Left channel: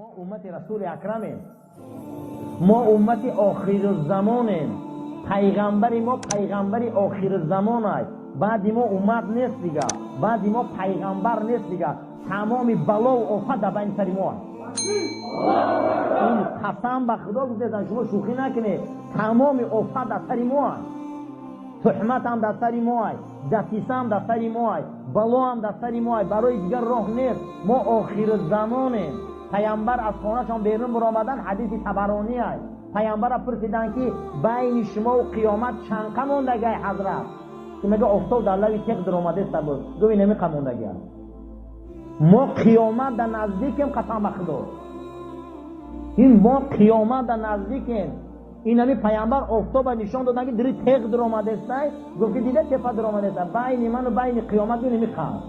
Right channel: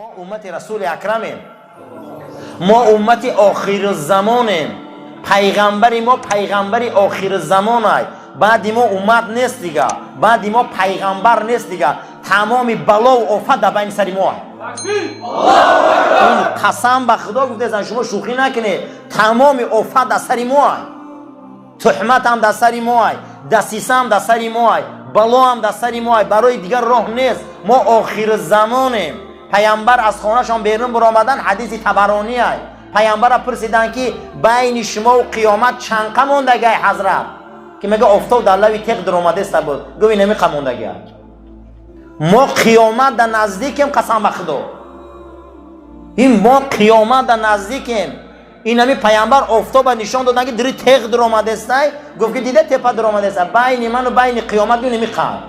ما امت رسول اکرمیم، ما امت آخر زمانیم، پیغمبری ما پیغمبری آخر زمان های. بعدی ما امت نیست دیگه، بعدی ما پیغمبر نیست دیگه. تمام بلا و آفت در بین سر ما. این قسم به خدا گفته زن شما شوخی نکنه، تمام آفت در سر ما، تهمت هم در سر ما، دسیسه هم در سر ما، بلا هم در سر ما، برای دیگر راه نیست. ما آخر زمانیم. پیامبر از خانه‌شان بیرون برآمدن، حدیث طبرانی است. پیامبر پرسیدن که بین شما و قیامت چند قدم موندگی حضرت؟ که میگه آفتاب در لبی تیغ در اومده است بود. گفت اینمی قدم موندگی. ما قیامت در نزدیکیم، قسم به خدا. این ما قیامت در نزدیکیم. اینمی پیامبر آفتاب نشان دادن که در تیغ در اومده است. گفت که دیده تپه در اومده است. بین من و بین قیامت اینمی قدم.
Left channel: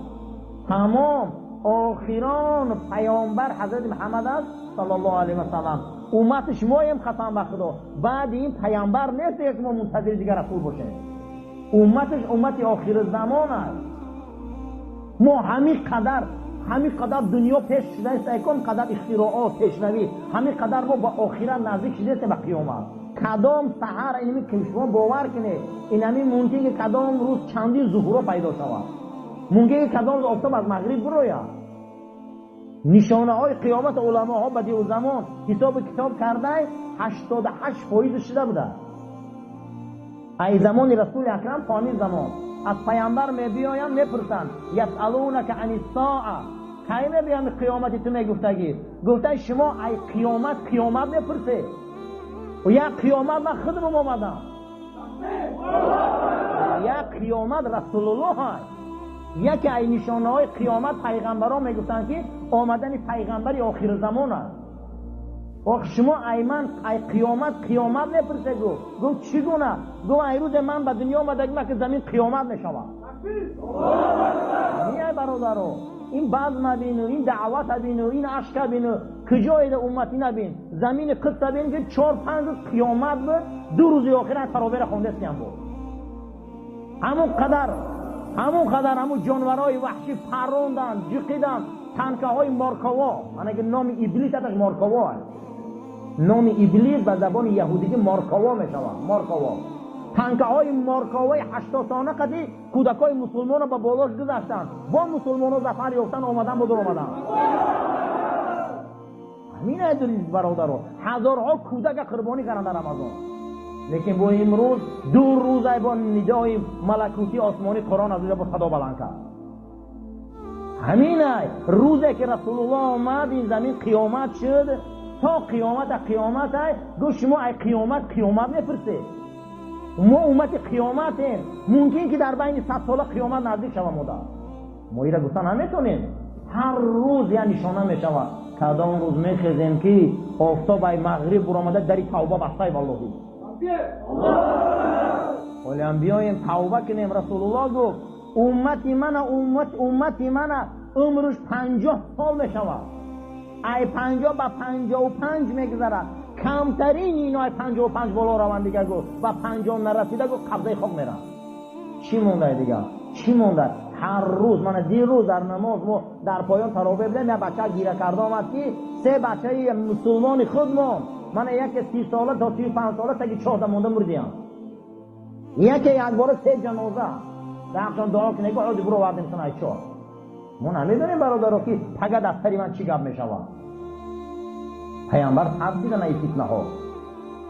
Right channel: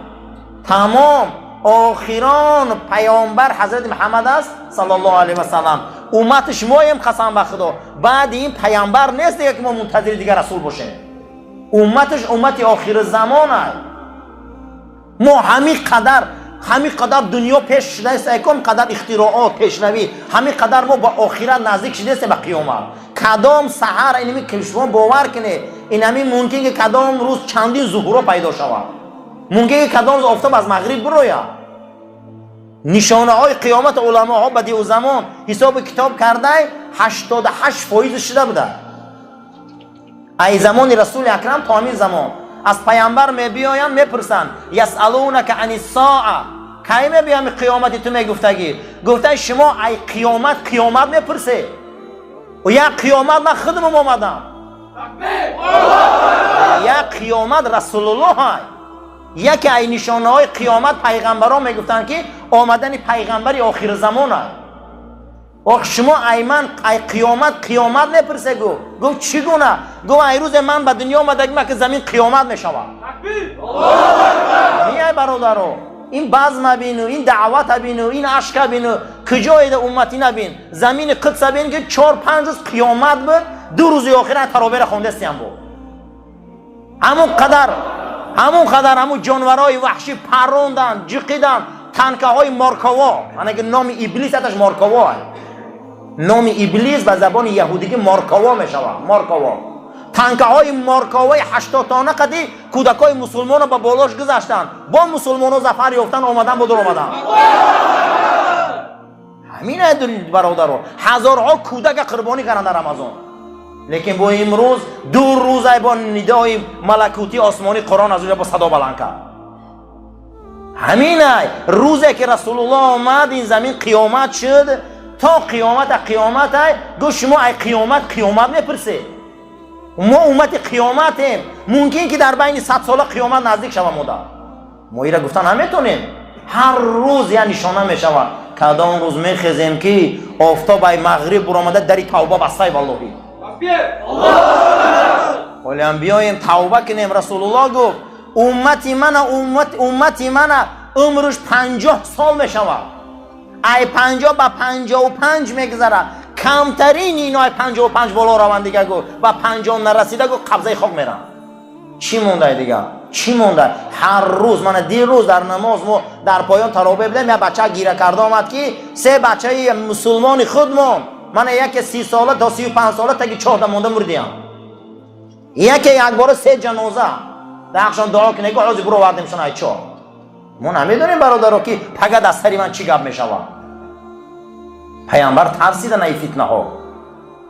تمام آخران پیامبر حضرت محمد است صلی الله علیه و سلم. امتش مایم، قسم به خدا. بعد این پیامبر نیست دیگه که ما منتظر دیگر رسول باشیم. امتش امت آخر زمان است. ما همین قدر دنیا پیش شده است، یکم قدر اختراعات پیشروی، همین قدر ما با آخرت نزدیک شده است به قیامت. کدام سحر اینمی که شما باور کنه، اینمی ممکنه که کدام روز چندین ظهور پیدا شود، ممکنه که کدام روز آفتاب از مغرب بروید. نشانه های قیامت علما ها بدیع و زمان حساب کتاب کرده 88% شده بوده. ای زمان رسول اکرم تا همین زمان از پیامبر میبیاین میپرسن یسالونک عن الساعه، کی میبیام قیامت؟ تو میگفتگی گفته شما ای قیامت میپرسه و یا قیامت من خودم اومدم، یا قیامت رسول الله های. یکی ای نشانه های قیامت پیغمبران میگفتن که آمدن پیغمبری آخر زمان است. آخ شما ای قیامت نپرسه. گفت چگونه؟ گفت ای روز من به دنیا آمدگم که زمین قیامت میشود. میای برادرو، این بزم بینو، این دعوت بینو، این عشق بینو، کجای ده امتی نبین. زمین قدس بین که 4-5 روز قیامت بود، 2 روز آخر تراویح خوندستی هم بود. همون جانورای وحشی پروندن، جقیدن، تنکه های مارکاوا. من که نام ابلیس اتش مارکاوا است. نام ابلیس به زبان یهودی مارکاوا می شود. مارکاوا تنکه های مارکاوای 80 تانه قدی کودکای مسلمان به بالاش گذاشتن، با مسلمان ها ظفر یافتن، آمدن با در آمدن. همین است برادران، هزارها کودک قربانی کردن در رمضان. لیکن با امروز 2 روز با ندای ملکوتی آسمانی قرآن از اونجا با صدا بلند کرد. همین است روزی که رسول الله آمد این زمین قیامت شد. تا قیامت است. گفت شما ای قیامت میپرسه. ما امت قیامتیم. ممکن که در بین 100 ساله قیامت نزدیک شود. ما ایره گفتن نمیتونیم. هر روز یه نشانه میشود. کدام روز میخیزیم که آفتاب ای مغرب برآمده دری توبه بسته والله. ولی هم بیایم توبه کنیم. رسول الله گفت امتی من عمرش 50 سال میشود. ای 50 به 55 میگذره. کمترین اینا 55 بالا روند دیگه گفت و 50 نرسیده گفت قبضه خاک میرن. چی مونده دیگه؟ چی مونده؟ هر روز من دیروز در نماز ما در پایان تراویح بودم، یه بچه گیره کرده آمد که 3 بچه مسلمان خودمون، من یک 30 ساله تا 35 ساله تا که 14 مونده مردیم. یک بار 3 جنازه درخشان دعا کنه که عوضی برو وردیمشون ای 4. ما نمیدونیم برادرها که پگه دستری من چی گپ میشود. پیامبر ترسیدن ای فتنه ها.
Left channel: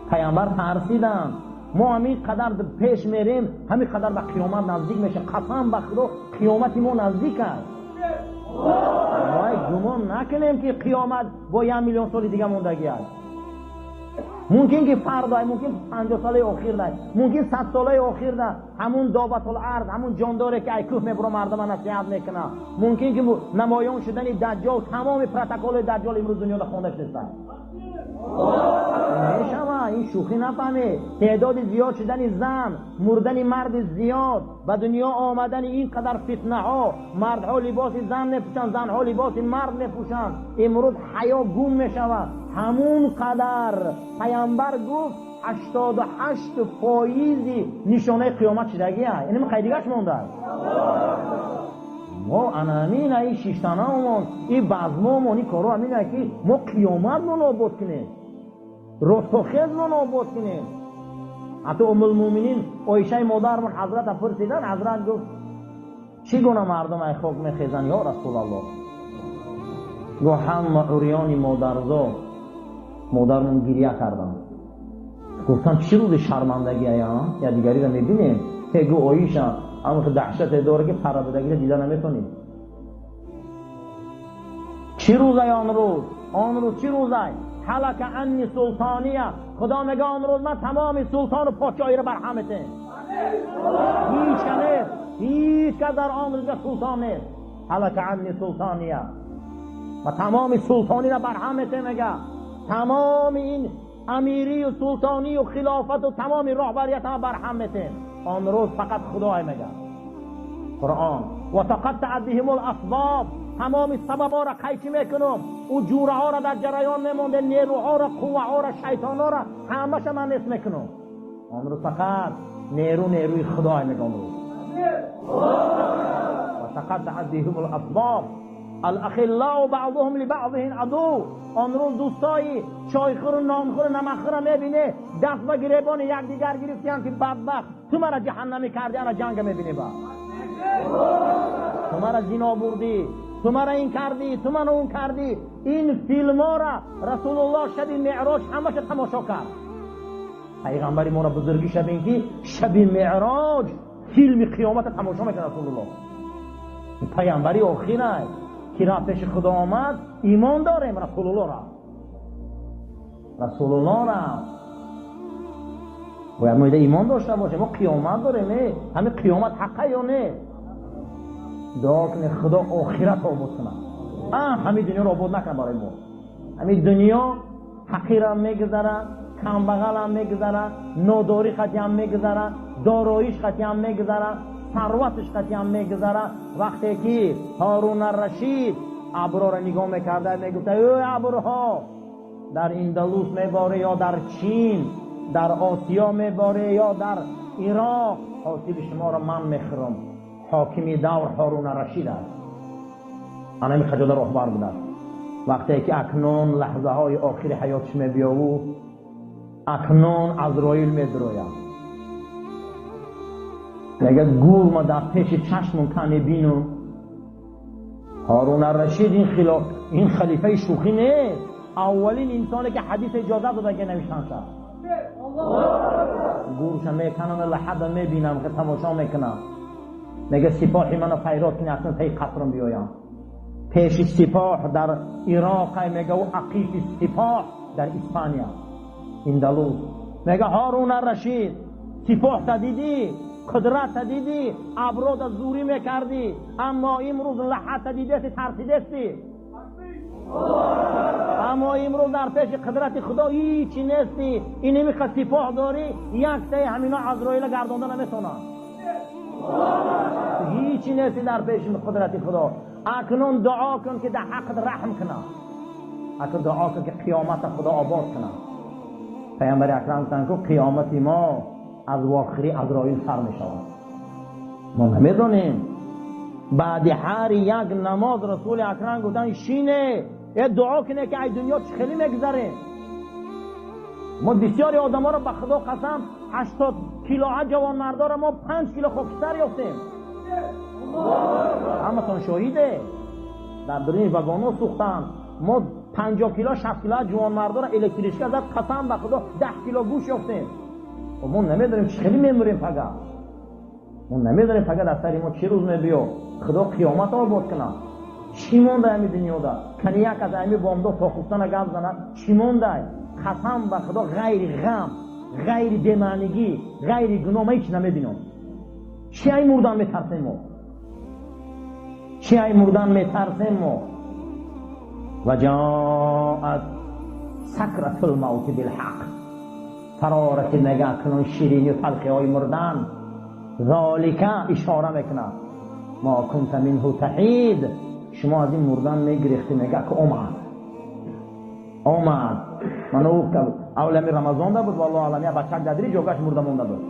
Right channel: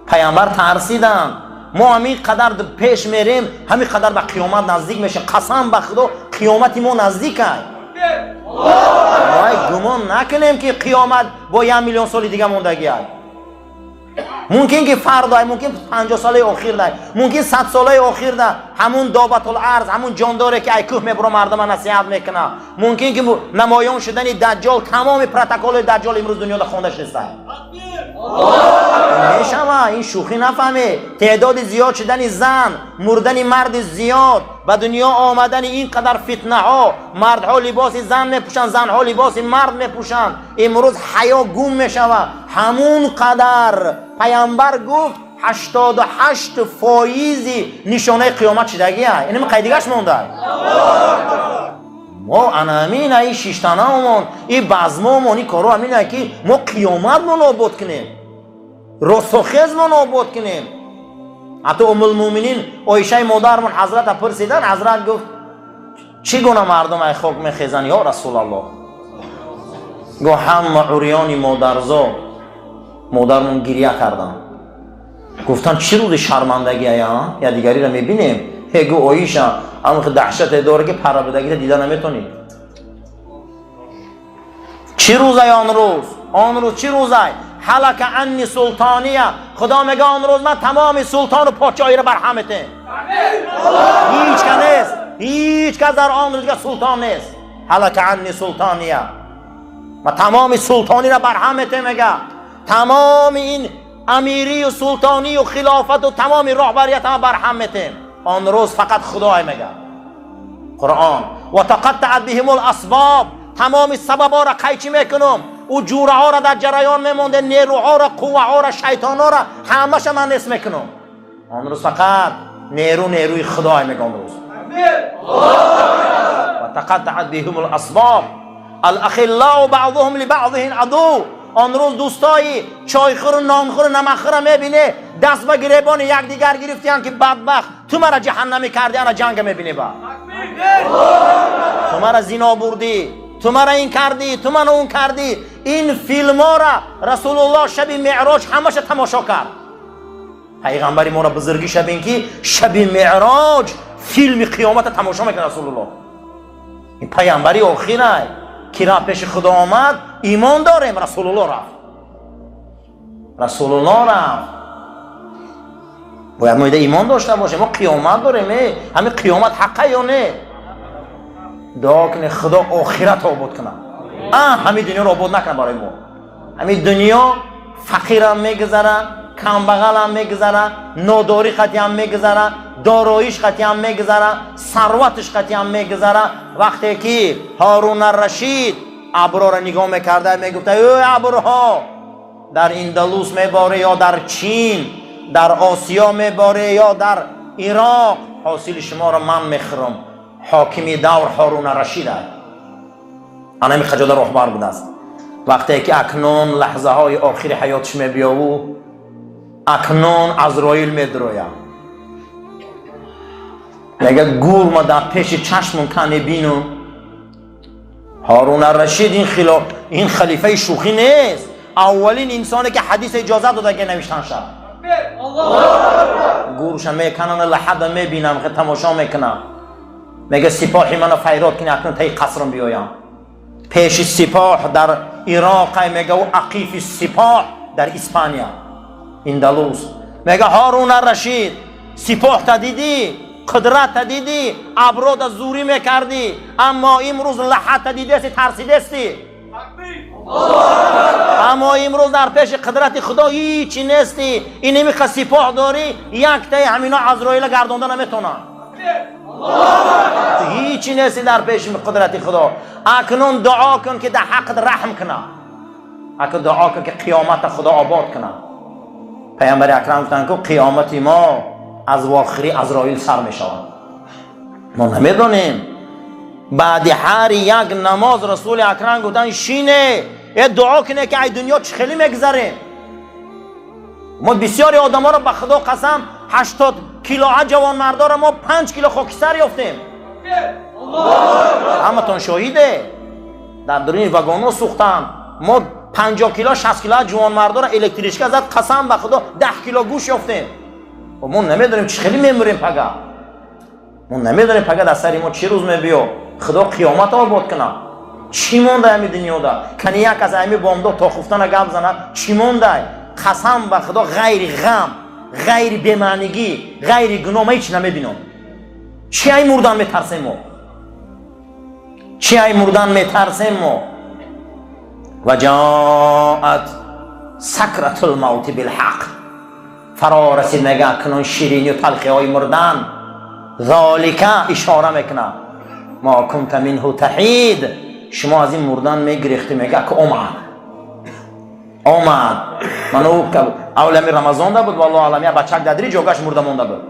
پیامبر ترسیدن. ما همین قدر پیش میریم، همین قدر به قیامت نزدیک میشیم. قسم به خدا قیامت ما نزدیک است. ما گمان نکنیم که قیامت با 1 میلیون سال دیگه موندگی است. ممکن که فردا، ممکن 50 ساله آخر ده، ممکن 100 ساله آخر ده، همون دابت الارض، همون جانداره که ای کوه میبره مردم نصیحت میکنه. ممکن که نمایان شدن دجال، تمام پروتکل دجال امروز دنیا ده خوندش نیست. میشم این شوخی نفهمه. تعداد زیاد شدن زن، مردن مرد زیاد، به دنیا آمدن این قدر فتنه ها. مردها لباس زن میپوشن، زنها لباس مرد میپوشن. امروز حیا گم میشود. همون قدر پیامبر گفت 88% نشانه قیامت شدگی است. اینم قیدیگش مونده. ما انامین ای شیشتانامون ای بزمامون ای کارو همینه که ما قیامت ما نابود کنیم، رسوخیز ما نابود کنیم. حتی ام المؤمنین عایشه مادرمون حضرت پرسیدن، حضرت گفت چی گونه مردم ای خاک میخیزن یا رسول الله؟ گفت همه عریانی مادرزا. مادرمون گریه کردن، گفتن چی روز شرمندگی یا دیگری را میبینیم؟ گو عایشه اما دهشت داره که پر بدگی دیده نمیتونی. چی روزه آن روز؟ آن روز چی روزه؟ حلق عنی سلطانیه. خدا میگه آن روز من تمام سلطان و پادشاهی را برهمته. هیچ که نیست، هیچ کس در آن روز که سلطان نیست. حلق عنی سلطانیه، و تمام سلطانی را برهمته. میگه تمام این امیری و سلطانی و خلافت و تمام رهبریت هم برهمته. آن روز فقط خدای میگه قرآن و تقطعت بهم الاسباب. تمام سببا را قیچی میکنم، او جوره ها را در جریان میمونده، نیروها را، قوه ها را، شیطان ها را همش من نصف میکنم. آن روز فقط نیروی خدای میگه. آن روز و تقطعت بهم الاسباب الاخلاء بعضهم لبعض عدو. آن روز دوستایی چایخور و نانخور و نمکخور میبینه دست به گریبان یک دیگر گرفتیان که بدبخت تو مرا جهنمی کردی، انا جنگ میبینی با تو مرا زنا بردی، تو مرا این کردی، تو منو اون کردی. این فیلم ها را رسول الله شب معراج همش تماشا کرد. پیغمبری ما را بزرگی شب این که شب معراج فیلم قیامت تماشا میکنه رسول الله. این پیغمبری آخره که را پیش خدا آمد ایمان داریم. رسول الله رفت، رسول الله رفت. باید ما ایمان داشته باشیم. ما قیامت داریم. همین قیامت حقه یا نه؟ دعا کنه خدا آخرت آباد کنه، همین دنیا رو آباد نکنه برای ما. همین دنیا فقیر هم میگذره، کم بغل هم میگذره، ناداری خطی هم میگذره، داراییش خطی هم میگذره، ثروتش خطی هم میگذره. وقتی که هارون الرشید ابرها را نگاه میکرده میگفته ای ابرها در اندلس میباره یا در چین، در آسیا میباره یا در عراق، حاصل شما را من میخورم. حاکمی دور هارون الرشید است. انا می خجالت رهبر بوده است. وقتی که اکنون لحظه های آخر حیاتش میبیاو، اکنون عزراییل میدروید، میگه گور ما در پیش چشمون کنه بینم. هارون الرشید این خلیفه شوخی نیست. اولین انسانی که حدیث اجازه داده که نوشتن شد. گورش میکنن لحظه میبینم که تماشا میکنم. میگه سپاهی منو فیراد کنی اکنون تای قصرم بیایم. پیش سپاه در عراق، میگه و عقیف سپاه در اسپانیا اندلس. میگه هارون الرشید سپاه تا دیدی، قدرت تا دیدی، ابرو تا زوری میکردی، اما امروز لحظه تا دیدی ترسیده استی. اما امروز در پیش قدرت خدا هیچی نیستی. این میخواد سپاه داری، یک تای همینا عزراییل گردونده نمیتونن. هیچی نیستی در پیش قدرت خدا. اکنون دعا کن که در حق رحم کنه، اکنون دعا کن که قیامت خدا آباد کنه. پیامبر اکرم گفتن که قیامت ما از واخری عزراییل سر می شود. ما نمیدونیم. بعد هر یک نماز رسول اکرم گفتن شینه یه دعا کنه که ای دنیا چه خیلی میگذره. ما بسیاری آدم ها را به خدا قسم 80 کیلو جوان مردا را ما 5 کیلو خاکستر یافتیم. همه تون شاهیده. در درون واگن سوختن. ما 50 کیلو 60 کیلو جوان مردا را الکتریشکا زد، قسم به خدا 10 کیلو گوش یافتیم. و ما نمیدونیم چه خیلی میموریم پگا. ما نمیدونیم پگا در سر ما چه روز میبیو. خدا قیامت آباد کنه. چی مونده همین دنیا دا؟ کنی یک از همین بامدا تا خفتن گپ زنه چی مونده؟ قسم به خدا غیر غم، غیر بی‌معنیگی، غیر گناه ما هیچ نمیبینم. چی ای مردن میترسیم ما؟ چی ای مردن میترسیم ما؟ و جاءت سکرة الموت بالحق. فرا رسید نگه کنون شیرینی و تلخی های مردن. ذالک اشاره میکنه ما کنت منه تحید. شما از این مردن میگریختی. میگه که اومد. من اولمی رمضان دا بود والله علمی بچک دادری جوگاش مرده مونده بود.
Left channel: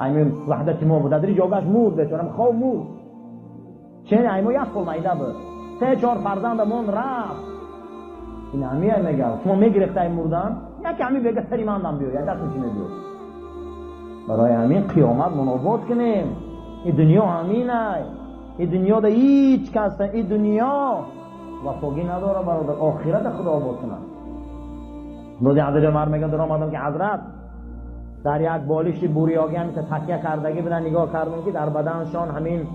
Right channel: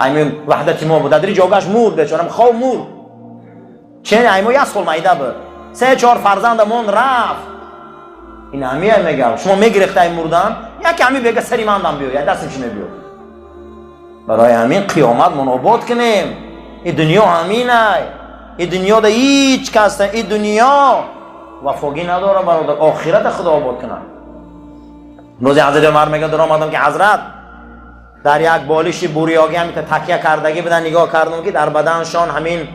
ایمین وحدت ما بود دادری جوگاش مرد بیچارم خواب مرد. چه ایمو یا سال مایده بود 3-4 فرزندمون رفت. این همیه میگم شما میگرفته این مردن یکی همی بگه سری من دم بیو یا دستم چی نبیو. برای همین قیامت منابود کنیم. این دنیا همینه. این دنیا ده هیچ کس نه. این دنیا وفاقی نداره برادر. آخرت خدا آباد کنه. روزی حضرت عمر میگه در آمدم که حضرت در یک بالش بوریاگی همی تکیه کردگی بدن نگاه کردم که در بدنشان همین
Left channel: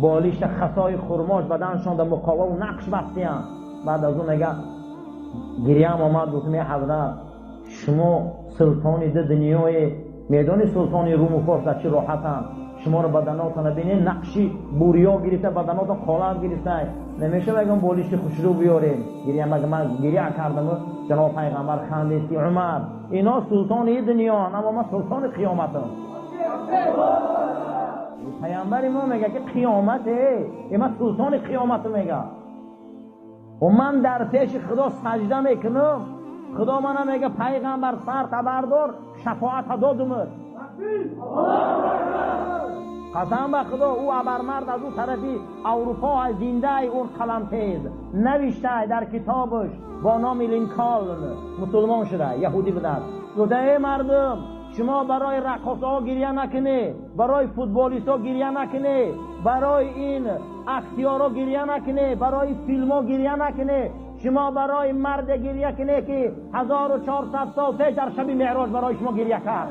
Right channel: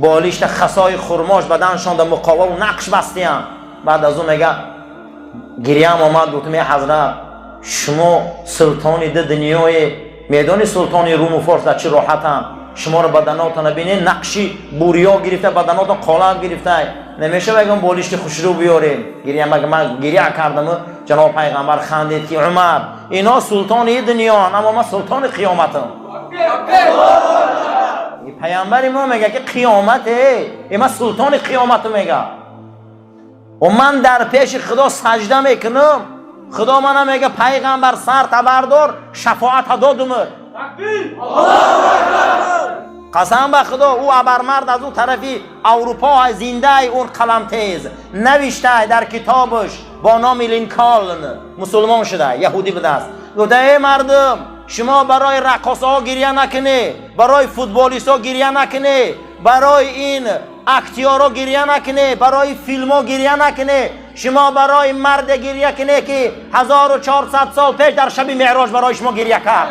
بالش خسای خرماش بدنشان در مقاوه و نقش بستی هم. بعد از اون میگه گریه هم آمد گفتم ای حضرت شما سلطانی ده دنیای میدان سلطانی روم و فارس در چه راحت هم شما رو بدناتان بینه نقشی بوریا گرفته بدناتان قالب گرفته نمیشه بگم بالشت خوشرو بیاریم. گریه من گریه کردم جناب پیغمبر خندید که عمر اینا سلطان دنیا اما من سلطان قیامتم. پیامبر ما میگه که قیامته اینا سلطان قیامت میگه و من در پیش خدا سجده میکنم. خدا من میگه پیغمبر سر تبردار شفاعت دادم. قسم به خدا او ابرمرد از اون طرفی اروپا زنده اون قلم تیز نوشته در کتابش با نام لینکالن مسلمان شده یهودی به دست گفته ای مردم شما برای رقاصه ها گریه نکنه برای فوتبالیست ها گریه نکنه برای این اکتیارا گریه نکنه برای فیلم ها گریه نکنه شما برای مرد گریه کنه که 1400 سال پیش در شب معراج برای شما گریه کرد.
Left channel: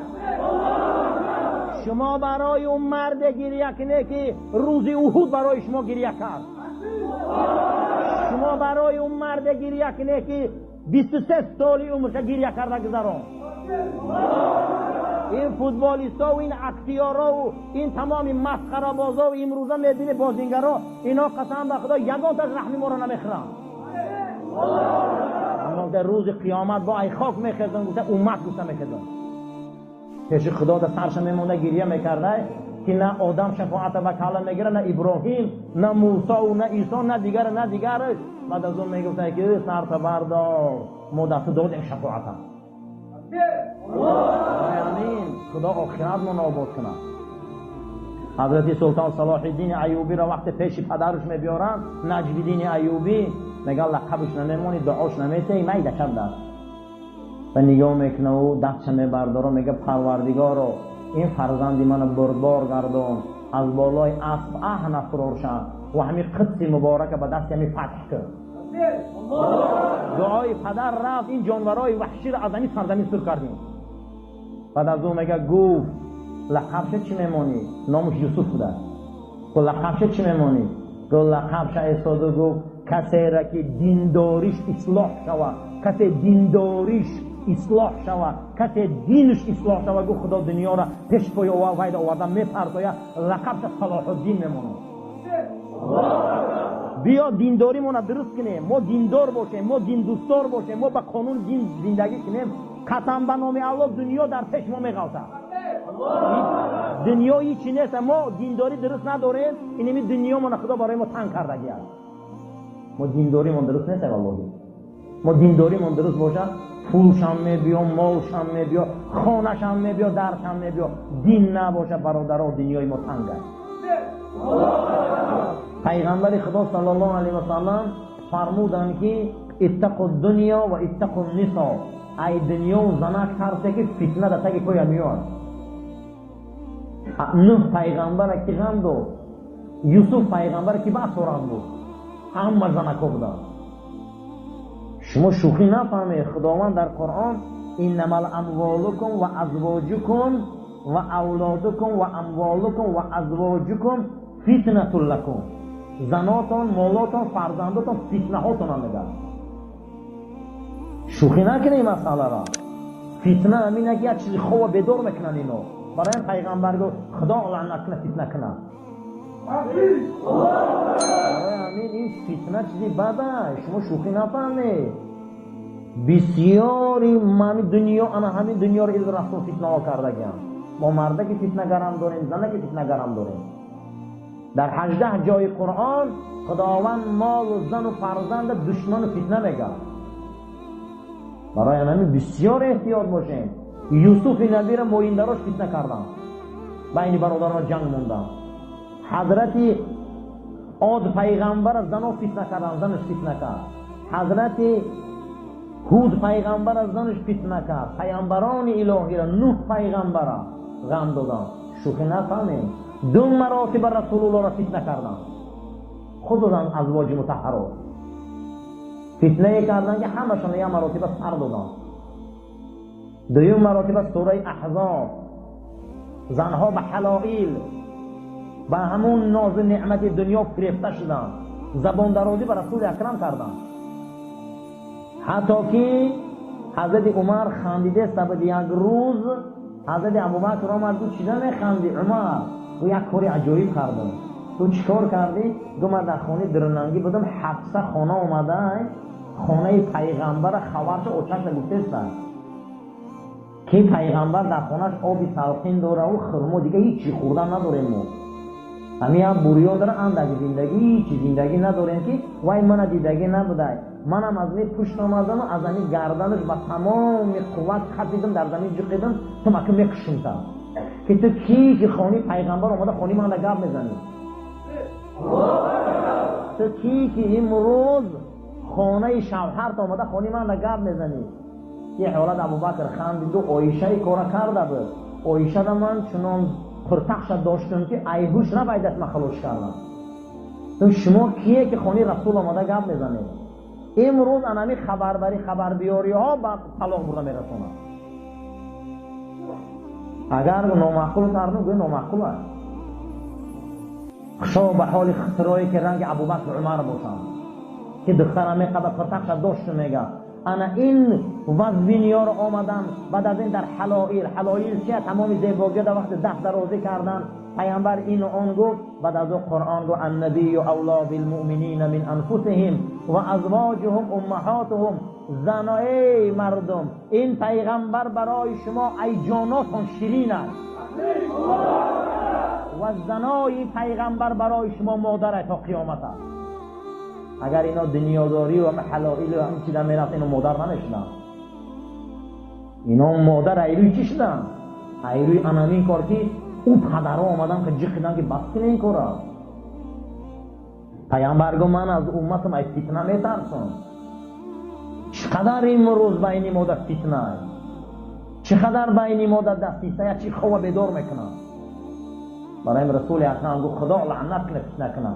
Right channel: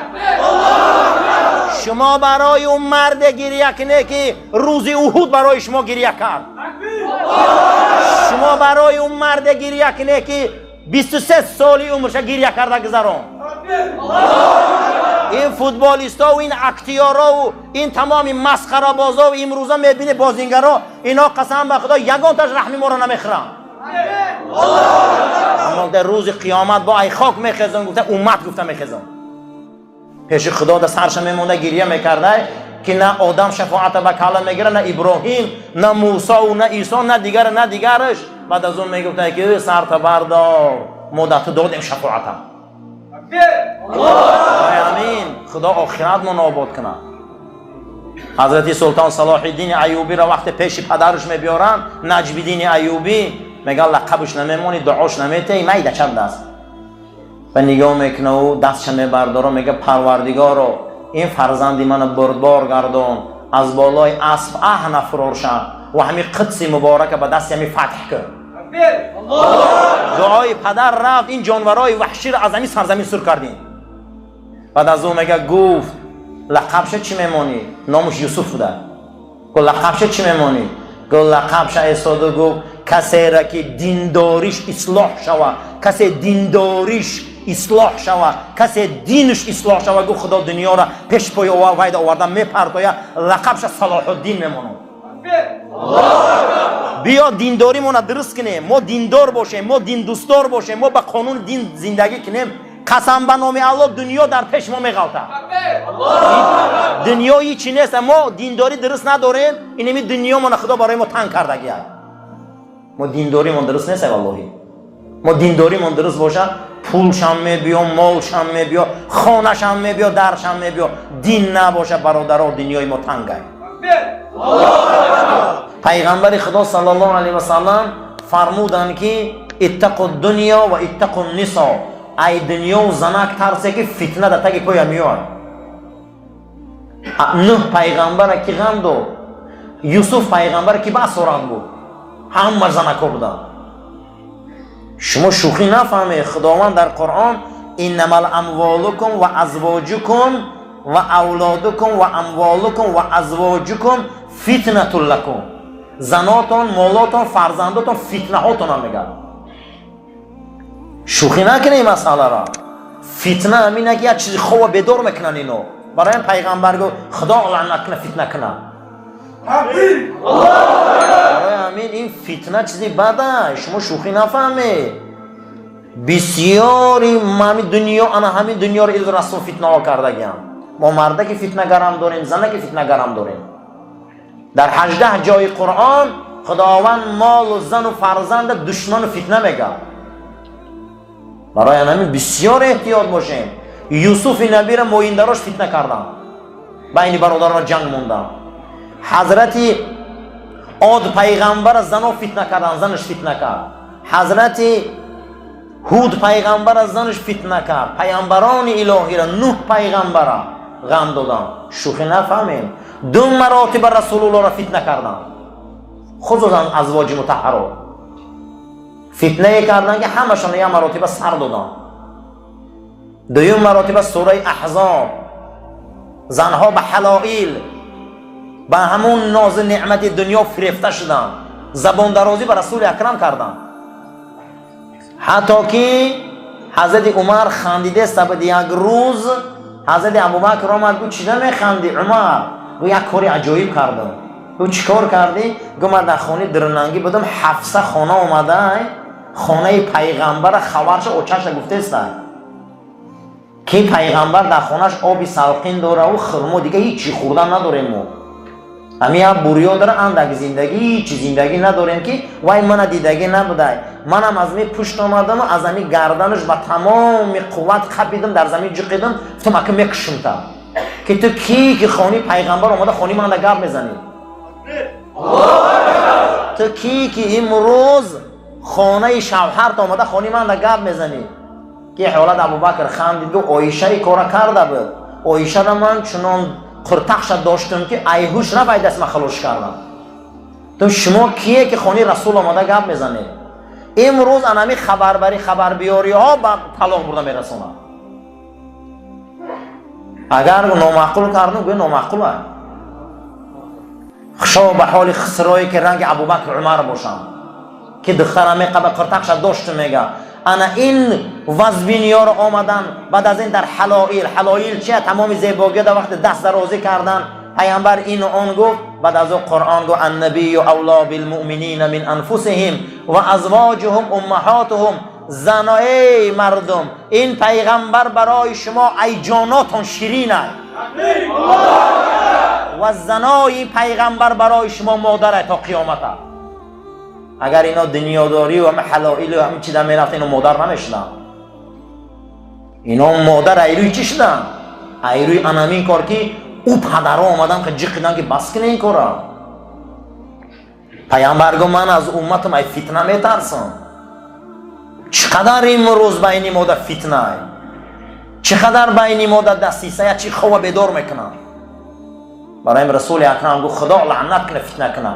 شما برای اون مرد گریه کنه که روز احد برای شما گریه کرد. شما برای اون مرد گریه کنه که 23 سالی عمرش گریه کرده گذران. این فوتبالیستا و این اکتیارا و این تمامی مسخره بازا و امروزه میبینه بازیگرا اینا قسم به خدا یگان تاش رحمی ما رو نمیخرن. اما در روز قیامت با ای خاک میخزن گفته امت گفته میخزن پیش خدا در سرش میمونده گریه میکرده که نه آدم شفاعت به کلام میگیره نه ابراهیم نه موسی و نه عیسی نه دیگرش. بعد از اون میگفته که سر بردار مدت دادیم شفاعتم. آمین. خدا آخرت من آباد کنه. حضرت سلطان صلاح الدین ایوبی را وقت پیش پدرش میبیارن نجم الدین ایوبی میگه لقبش نمیمونی دعاش نمیته میده چند دست و نگاه میکنه و دستش میبرداره میگه پروردگارا این فرزندی من بردبار گردان از بالای اسب نفرار شد و همین قدس مبارک به دست همی فتح کرد. دعای پدر رفت این جانورای وحشی را از همین سرزمین سر کردیم. بعد از اون میگه گفت لقبش چی میمونی؟ نامش یوسف بوده. گفت لقبش چی میمونی؟ گفت لقبش ایستاده گفت کسی را که دینداریش اصلاح شود کسی دینداریش اصلاح شود کسی دینش اصلاح شود گفت خدا دنیا را پیش پای وید آوردن میپرتاید لقبش صلاح الدین میمونه. بیا دینداری مون درست کنیم ما دیندار باشیم ما دین دوستدار باشیم ما به قانون دین زندگی کنیم. قسم به نام الله دنیا در پیش ما میغلطه. دنیا هیچی نیست ما دینداری درست نداریم اینمی دنیا من خدا برای ما تنگ کردگی ما دینداری من درست نیست والله. ما دینداری من درست باشه پولشم میبیا مالشم میبیا خانهشم میبیا درشم میبیا دین نباشه برادرها دنیای ما تنگه. پیغمبر خدا صلی الله علیه و سلم فرمودن که اتقوا الدنیا و اتقوا النساء ای دنیا و زنک ترسه که فتنه در تک پای میاد. نوح پیغمبر کی غم دو یوسف پیغمبر کی با صورت بود همه زنکا بودن. شما شوخی نفهمه خداوند در قرآن انما الاموالکم و ازواجکم و اولادکم و اموالکم و ازواجکم فتنه لکم زناتون مالاتون فرزنداتون فتنه هاتون هم میگن. شوخی نکنه این مسئله را. فتنه همینه که یک چیزی خواه بدور میکنن اینو برای این پیغمبر گفت خدا لعنت کنه فتنه کنه. برای همین این فتنه چیزی بده شما شوخی نفهمه. بسیاری همین دنیا انا همین دنیا رو ایل رسول فتنه ها کرده گیم. ما مرده که فتنه گرم داریم زنه که فتنه گرم داریم. در 18 جای قرآن خداوند مال و زن و فرزند دشمن و فتنه میگه. برای همین بسیار احتیاط باشیم. یوسف نبی را مویندراش فتنه کردن بین برادران جنگ موندن. حضرت عاد پیغمبر زن رو فتنه کردن، زنش فتنه کرد. حضرت هود پیغمبر از زنش فتنه کرد. پیامبران الهی را، نوح پیغمبر را غم دادن. شوخی نفهمیم. 2 مراتب رسول الله را فتنه کردن، خصوصا ازواج مطهرات فتنه کردن که همشون یک مراتب سر دادن. 2 مراتب سوره احزاب زنها به حلائل به همون ناز نعمت دنیا فریفته شدن، زبان درازی به رسول اکرم کردن. حتی که حضرت عمر خندیده سبد یک روز حضرت ابوبکر آمد گفت چرا میخندی عمر؟ گفت یک کاری عجایب کردم. گفت چیکار کردی؟ گفت من در خانه درنگی بودم، حفصه خانه اومده خانه پیغمبر خبرش اوچش گفته است که پیغمبر در خانهش آبی سلقین داره و خرما، دیگه هیچی خوردن نداریم ما. همین ها بوریا داره اندک زندگی، هیچ زندگی نداریم که وای من دیدگی نبوده. منم از می پشت آمدم و از همین گردنش با تمام قوت خپیدم، در زمین جقیدم، گفتم اگه میکشم تا که تو کی که خانه پیغمبر اومده خانه من در گپ میزنی؟ تو کی که امروز خانه شوهرت اومده خانه من در گپ میزنی؟ که حالت ابوبکر خندید گفت عایشه کارا کرده بود. عایشه را من چنان قرتخش داشتم که ایهوش را باید دست من خلوش کردم. تو شما کیه که خانه رسول آمده گپ میزنی؟ امروز انمی خبربری خبر بیاری ها با طلاق برده میرسونه. اگر نامعقول کردن گویا نامعقول است. خشا به حال خسرایی که رنگ ابوبکر عمر باشم که دخترم قبل قرتخش داشت میگه انا این وزبینیا رو آمدن بعد از این در حلائل چیه؟ تمام زیبایی در وقت دست درازی کردن. پیامبر این و آن گفت، بعد از اون قرآن گفت النبی اولا بالمؤمنین من انفسهم و ازواجهم امهاتهم. زنای مردم این پیغمبر برای شما ای جاناتون شیرین است و زنای پیغمبر برای شما مادر تا قیامت است. اگر اینا دنیاداری و همه حلائل و همه چی در میرفت اینا مادر نمیشدن. اینا مادر ایروی چی شدن؟ ایروی انامین کار که او پدرها آمدن که جقیدن که بس کنه این کارا. پیامبر گفت من از امتم ای فتنه میترسم. چقدر امروز بین ما در فتنه، چقدر بین ما در دسیسه، چی خواه بیدار میکنن. برای رسول اکرم گفت خدا لعنت کنه فتنه کنه.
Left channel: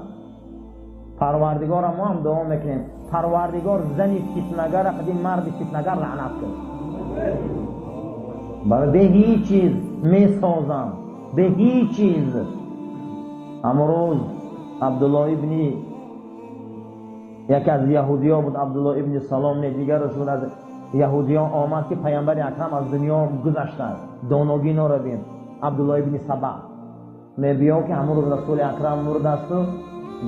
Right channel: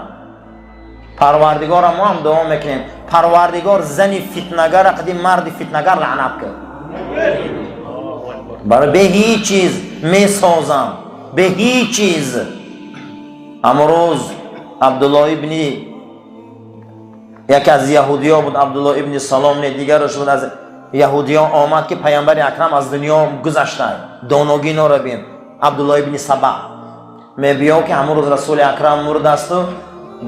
پروردگار ما هم دعا میکنیم پروردگار زنی فتنگر قدیم مرد فتنگر لعنت کرد. برای به هیچ چیز میسازم، به هیچ چیز. امروز عبدالله ابن یکی از یهودیان بود، عبدالله ابن سلام دیگرش بود از یهودیان آمد که پیامبر اکرم از دنیا گذشته، دانگی را بین. عبدالله ابن سبا می بیا که همون روز رسول اکرم مرد است و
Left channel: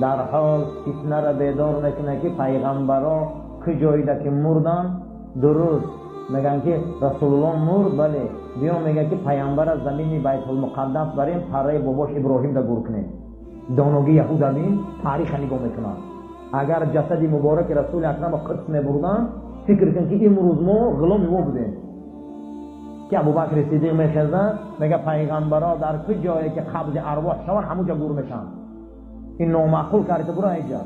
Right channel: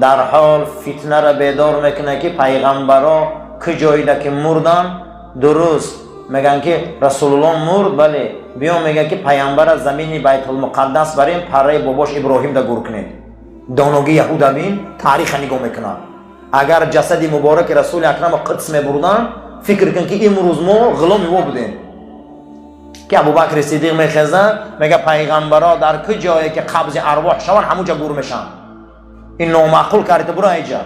در حال فتنه را بیدار میکنه که پیغمبرها که جایی که مردن درست میگن که رسول الله مرد، بله بیا میگه که پیامبر از زمین بیت المقدس بریم پره باباش ابراهیم دا گور کنید. دانگی یهودا بین تاریخ نگاه میکنن. اگر جسد مبارک رسول اکرم قدس میبردن فکر کن که امروز ما غلامی او بودیم. که ابوبکر صدیق میخزن میگه پیغمبرها در که جایی که قبض ارواح شون همونجا گور میشن. این نامعقول کردی برو اینجا.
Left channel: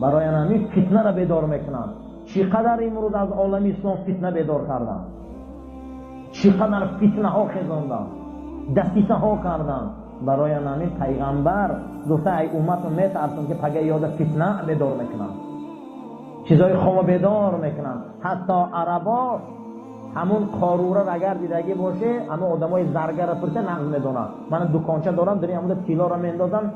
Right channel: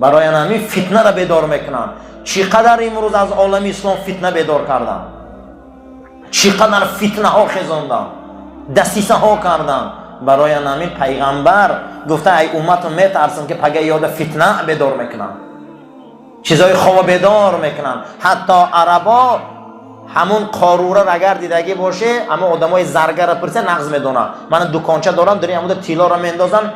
برای همین فتنه را بیدار میکنن. چقدر امروز از عالم اسلام فتنه بیدار کردن، چقدر فتنه ها خزاندن، دسیسه ها کردن. برای همین پیغمبر گفته ای امت میترسم که پگه یاد فتنه بیدار میکنن، چیزای خواب بیدار میکنن. حتی عربا همون قاروره را اگر دیدگی باشه اما آدمای زرگر را پرسه نغز میدونن. من دکانچه دارم در همون تیلا را میندازن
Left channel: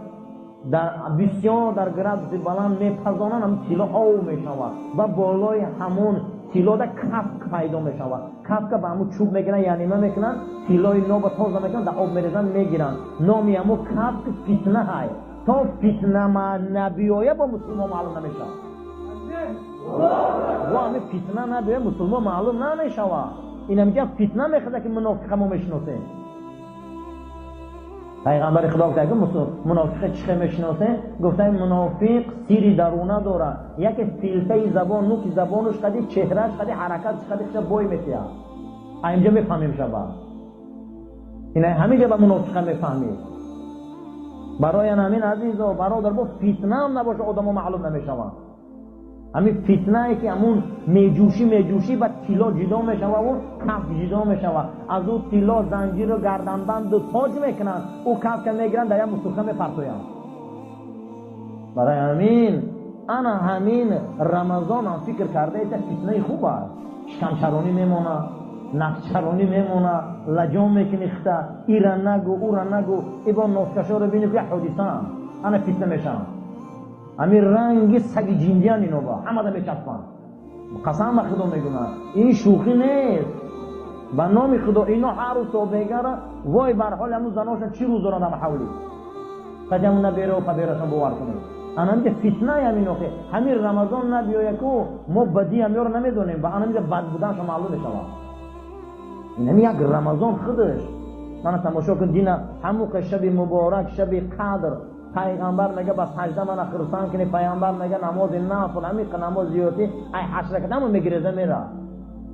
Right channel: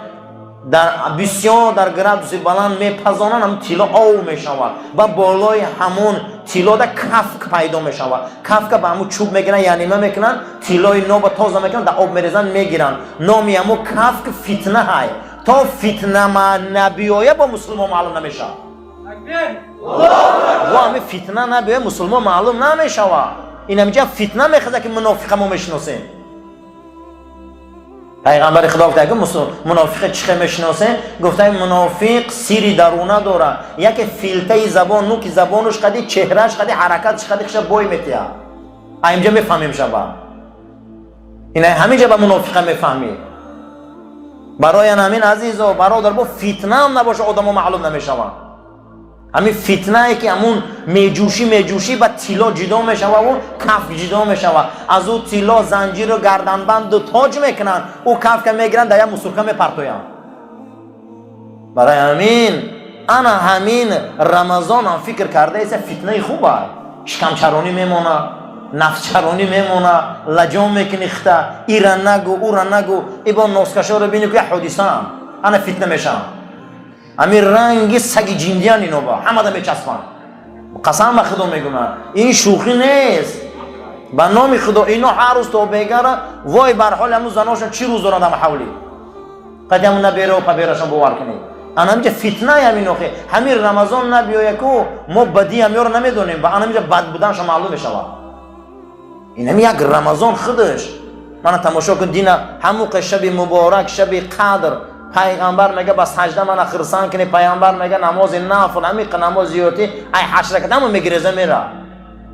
در بسیار در گرد بلند میپزانن، هم تیلا آو میشود و بالای همون تیلا در کفک پیدا میشود. کفک به همون چوب میگیرن یعنی ما میکنن تیلای نو با تازه میکنن در آب میریزن میگیرن. نامی همون کفک فتنه های. تا فتنه ما نبیایه با مسلمان معلوم نمیشه. و همین فتنه نبیایه مسلمان معلوم نمیشه. این همینجا فتنه میخواد که منافق ما میشناسیم. پیغمبر خدا گفته که منافق چخه میشناسه؟ گفته منافق سیری درونه داره. یک فیلته زبان نوک زبانش قدی چهرهش قدی حرکتش قدی خش بوی میتیا. اینجا میفهمیم شبا. اینا همینجا با منافق میفهمی. برای همین عزیز و برادر با فتنه هم نباشه آدم ها معلوم نمیشوند. همین فتنه ای که همون میجوشی با تیلا جدا میشوه و کف جدا میشوه، از او تیلا زنجیر و گردنبند و تاج میکنن، او کف که میگیرن در یک مسرکه میپرتوین. برای همین انا همین رمضان هم فکر کرده ایسه فتنه خوبه، شکم چرانی میمونه، نفس چرانی میمونه، لجام میکنی خطه، ایران نگو اوران نگو، ای با نوسکشا رو بینی که حدیثه هم انا فتنه میشن. همین رنگی سگ جیندیان اینو با همه دا میچسبن. قسم به خدا میگم این شوخی نیست. به نام خدا اینو هر روز تو بگره وای بر حال همون زناشون چی روز دارن در حولی قدم نبیره و پبیرشون باور کنید. انا میگه فتنه همین اخی همین رمضان نبیایه که ما بدی همی رو نمیدونیم و انا میگه بد بودنش معلوم میشه. این هم یک رمضان خودش من تماشا کن دین همون شب مبارک شب قدر پیغمبر میگه بس سجده من خرسان کنی، پیغمبر میگه نماز نافل عمیق نماز زیارتی ای 8 رکعت هم میگریزه میره.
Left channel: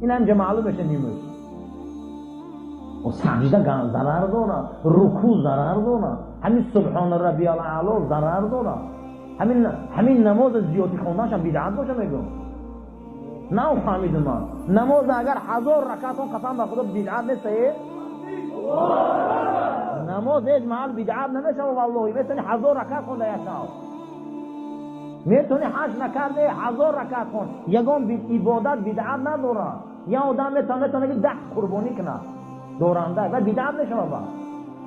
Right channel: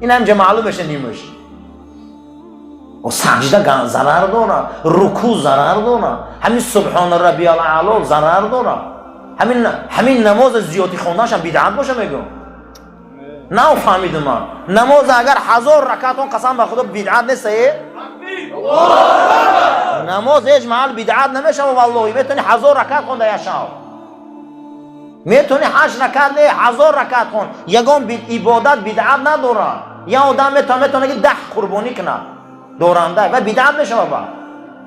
این هم معلوم بشه نیمش. و سجده ضرر داره، رکوع ضرر داره، همین سبحان ربی الاعلی ضرر داره، همین نماز زیارتی خوندنش هم بدعت باشه میگم. نه فهمیدم من نماز اگر 1000 رکعت اون قسم به خدا بدعت نیست. نماز هیچ محل بدعت نمیشه و والله میتونی 1000 رکعت خونده یا شب، میتونی 8 رکعت نه 1000 رکعت خون، یگان عبادت بدعت نداره. یا آدم میتونه که 10 قربانی کنه دورنده و بدعت میشه بابا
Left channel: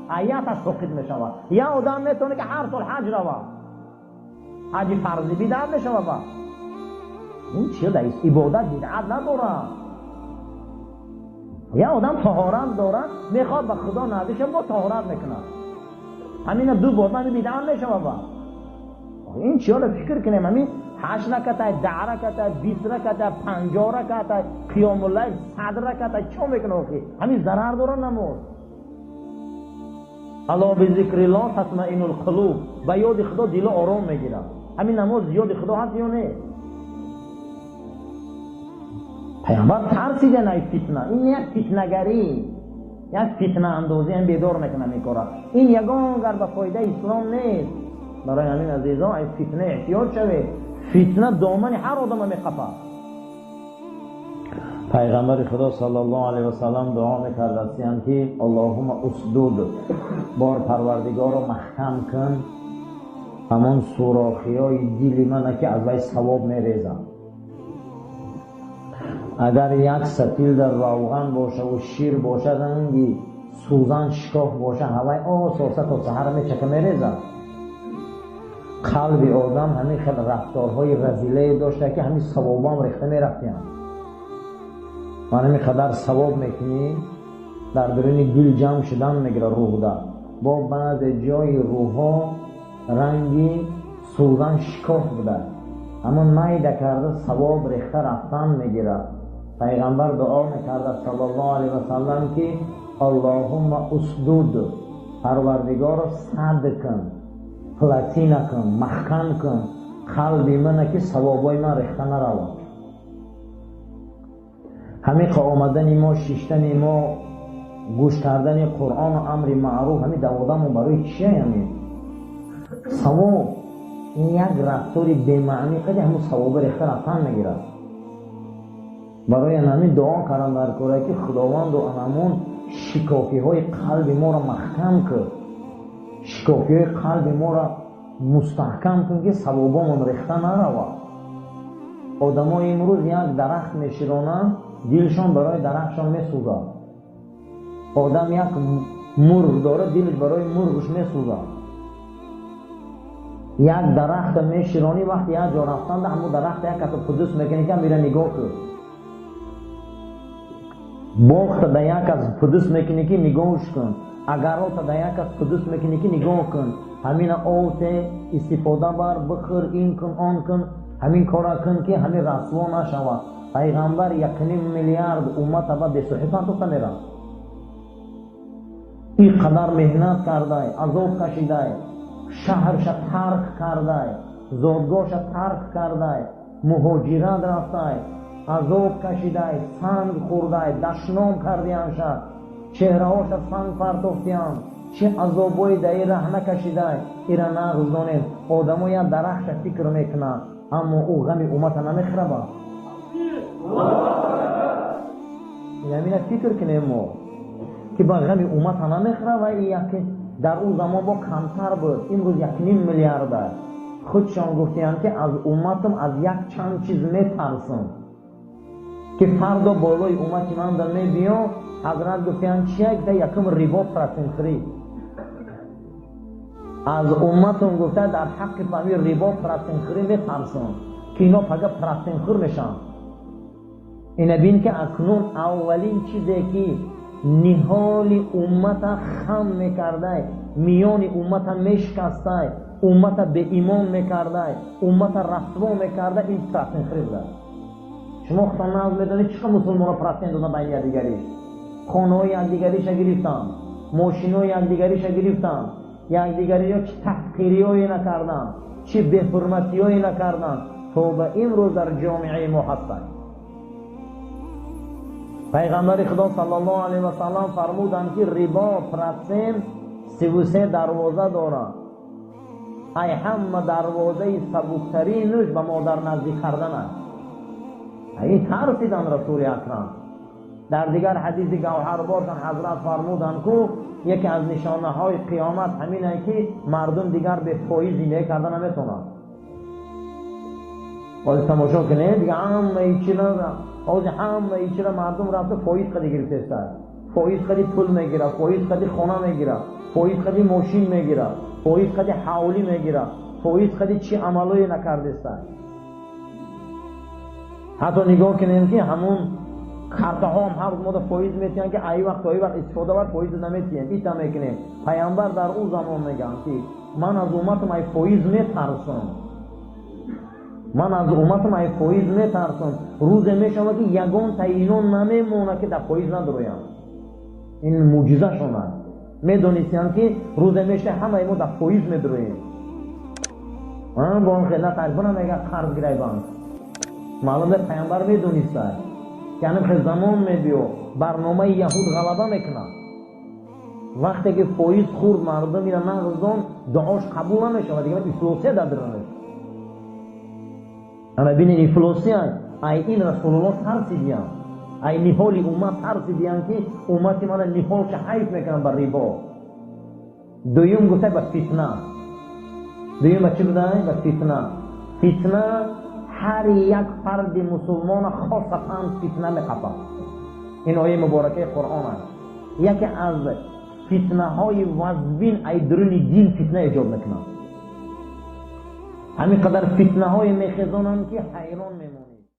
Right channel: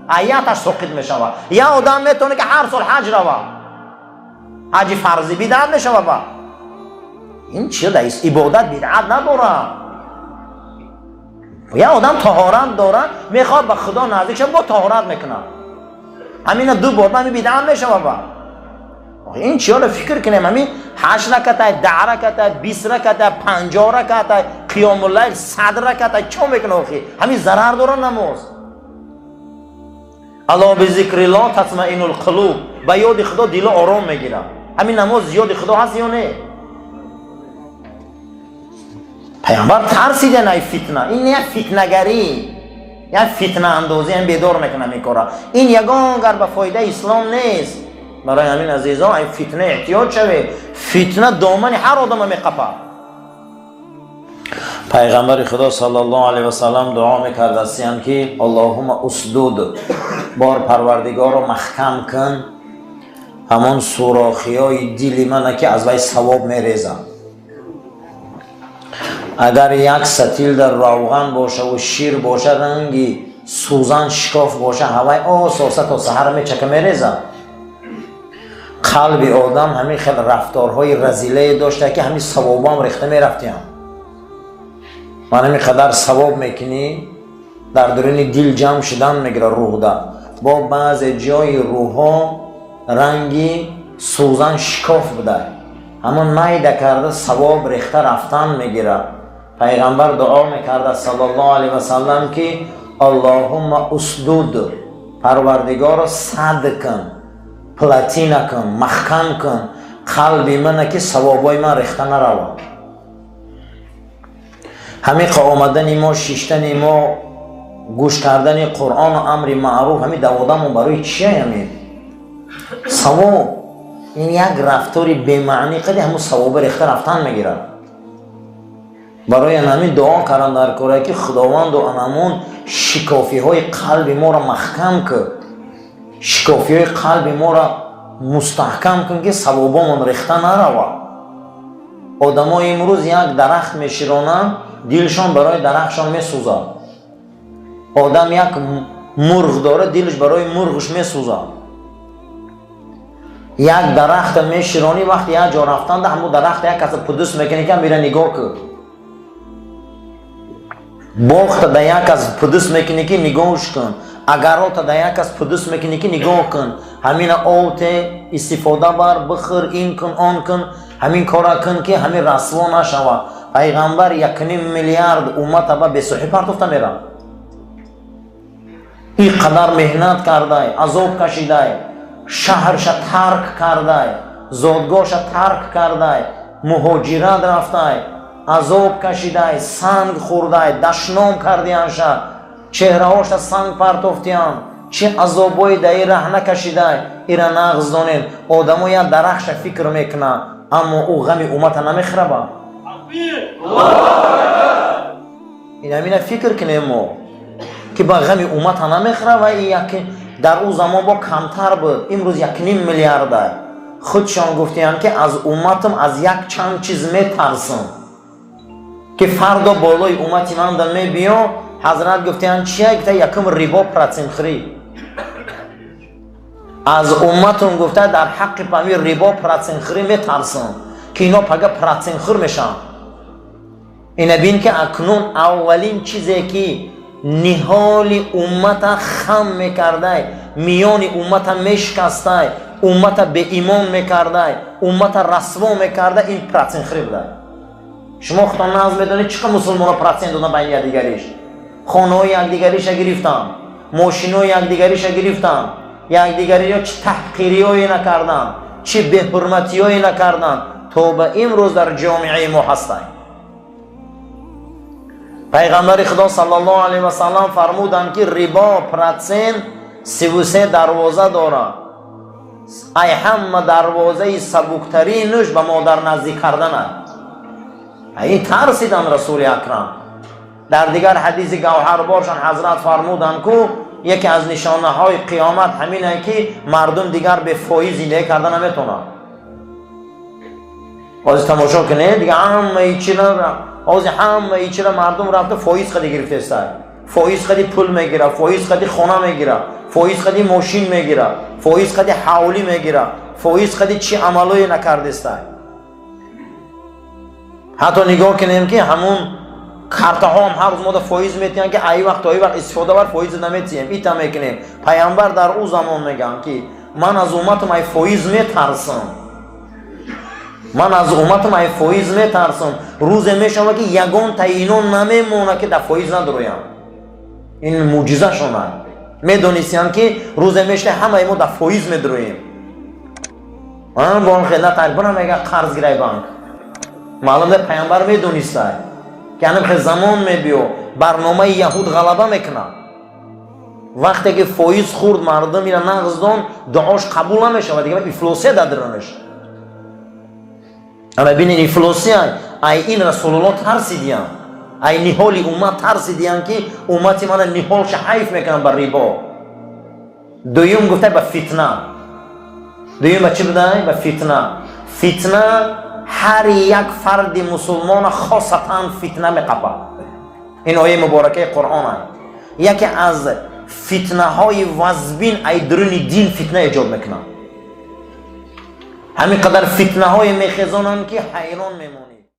آیاتش سقط میشه. یا آدم میتونه که هر سال حج روه، حج فرضی بدعت میشه بابا. این چیه دایست؟ عبادت بدعت نداره. یا آدم طهارت داره میخواد به خدا نزدیک شه با طهارت میکنه، همین دو بار من بدعت میشه بابا. این چیه رو فکر کنیم؟ همین 8 رکعت 10 رکعت 20 رکعت 50 رکعت قیام اللیل 100 رکعت چون میکنه اخی؟ همین ضرر داره نماز. الا بذکر الله تطمئن القلوب، با یاد خدا دل آرام میگیره. همین نماز یاد خدا هست یا نه؟ پیامبر ترسیده نه فتنه، این نه فتنه‌گری یا فتنه اندازی هم بیدار میکنه میکاره. این یگان گر به فایده اسلام نیست. برای همین عزیزان این فتنه احتیاط شوید. فتنه دامن هر آدم میقپه. پیغمبر خدا صلی الله علیه و سلم دعا میکرد استیان که اللهم اسدود، بار پروردگار رو محکم کن همون سوراخی های دل من که از وی ثواب میریزه. اگر یک ستیل در روغن باشه و شیر باشه رنگی سوزن شکاف باشه هوای آساسه تا سحر میچکه میریزه. قلب آدم همین خیلی رفتارهای رزیله داشته که همین ثواب هم ریخته میرفتیم. من همین قدر ثواب میکنی در درون دل جمع شدن میگیره روح ده. با بعض جای روح ها رنگی سوزن شکاف بده، همون نیده کرده ثواب ریخته رفتن میگیره. پیغمبر دعا میکرده صلی الله علیه و سلم که اللهم اسدود، پروردگار صد کن، پلاتینه کن، محکم کن قلب من که ثوابای من ریخته نروه. همین آمدن ما، شیشتن ما، گوش کردن قرآن و امر معروف همین دوادمون برای چیه؟ همین ثواب. این یک رفتاری بی‌معنی قدی همون ثواب ریخته رفتن میگیره. برای همین دعا کردم در کاره که خداوند و انمون شکافی های قلب ما را محکم کن، شکافی های قلب ما را مستحکم کن که ثوابمون ریخته نروه. آدم ها امروز یک درخت میشیرانن دلشان برای درختشان میسوزه. آدم یک مرغ داره دلش برای مرغش میسوزه. یک درخت میشیرانی وقتی یک جا رفتن ده همون درخت یک کس پدوس میکنی که میره نگاه کن. باخت ده یک کس پدوس میکنی که نگاهش کن. اگر آت ده یک کس پدوس میکنی که نگاه کن. همین آت استفاده بر بخور این کن آن کن، همین کارا کن که همین رسوا نشوه. پیغمبر 1.5 میلیارد امت با بی‌صحی پرتفته میره. این قدر مهنت کرده، عذاب کشیده، شهرش ترک کرده، زادگاهش ترک کرده، مهاجرت رفته، عذاب کشیده، سنگ خورده، دشنام کردیانش، چهره هاش سنگ پرتفتیان، چه عذابای در این ره نکشیده ایرا نغز دانین. آدمو یا درخش فکر میکنه اما او غم امت نمیخره با. این همین فکر کنیم ما که با غم امت نمیخره و یک در او زمان با کمتر بود. امروز 1.5 میلیارد خودشان گفتیان که از امتم از یک چند چیز میترسم که فردا بالای امتی من در می بیام. حضرت گفتیان چیه؟ گفته یکم ریبا پراتین خری از امتم. گفته در حق پامی ریبا پراتین خری میترسم که اینا پگه پراتین خور میشن. اینا بین که اکنون اولین چیزی که نهال امت خم میکرده، میان امت میشکسته، امت به ایمان میکرده، امت رسوا میکرده، این پراتین خری بوده. شما خودتان ناز میدونید چقدر مسلمان ها پراتین دادن بین یکدیگریش. خانه های یکدیگریش گرفتن، ماشین های یکدیگریش گرفتن، یکدیگری ها چه تحقیری هایی نکردن، چه به‌حرمتی هایی نکردن تا به امروز در جامعه ما هستند. پیغمبر خدا صلی الله علیه و سلم فرمودند که ربا پراتین 33 دروازه دارد. ای همه دروازه سبکترینش به مادر نزدیک کردن است. این ترسیدن رسول اکرم. در دیگر حدیث گوهربارشان حضرت فرمودند که یکی از نشانه های قیامت همینه که مردم دیگر به فایز زندگی کردن نمیتونن. از تماشا کنه دیگه همه چیز مردم رفته فایز خدی گرفته است. فایز خدی پول میگیره، فایز خدی خانه میگیره، فایز خدی ماشین میگیره، فایز خدی حولی میگیره، فایز خدی چی عملوی نکرده است. حتی نگاه کنیم که همون کارت ها هم هر روز ما در فایز میتیم که ای وقت استفاده بر فایز نمیتیم. ایتا میکنیم. پیامبر در او زمان میگن که من از امتم ای فایز میترسم. من از امتم ای فایز میترسم. روز میشم که یگان تعینون نمیمونه که در فایز ندرویم. این معجزه شونه. میدونستیم که روز میشه همه ما در فایز میدرویم. من بان خدمت تقریبا میگه قرض گیری بانک. معلوم ده پیامبر میدونسته که همین زمان میبیو برنامه یهود غلبه میکنه. وقتی که فایز خورد مردم میرن نغز دان دعاش قبول نمیشه و دیگه افلاسی دادرنش. اما ببینید افلاسی ای این رسول الله ترسیدیم. ای نهال امت ترسیدیم که امتی من نهالش حیف میکنن بر ربا. دویم گفته به فتنه. دویم به چی بوده؟ به فتنه. فتنه هر یک فرد مسلمان خاصتا فتنه میقپه. این آیه مبارکه قرآن است. یکی از فتنه های وزبین ای درون دین فتنه ایجاد میکنه. همین قدر فتنه های میخزانن که حیران میمونن.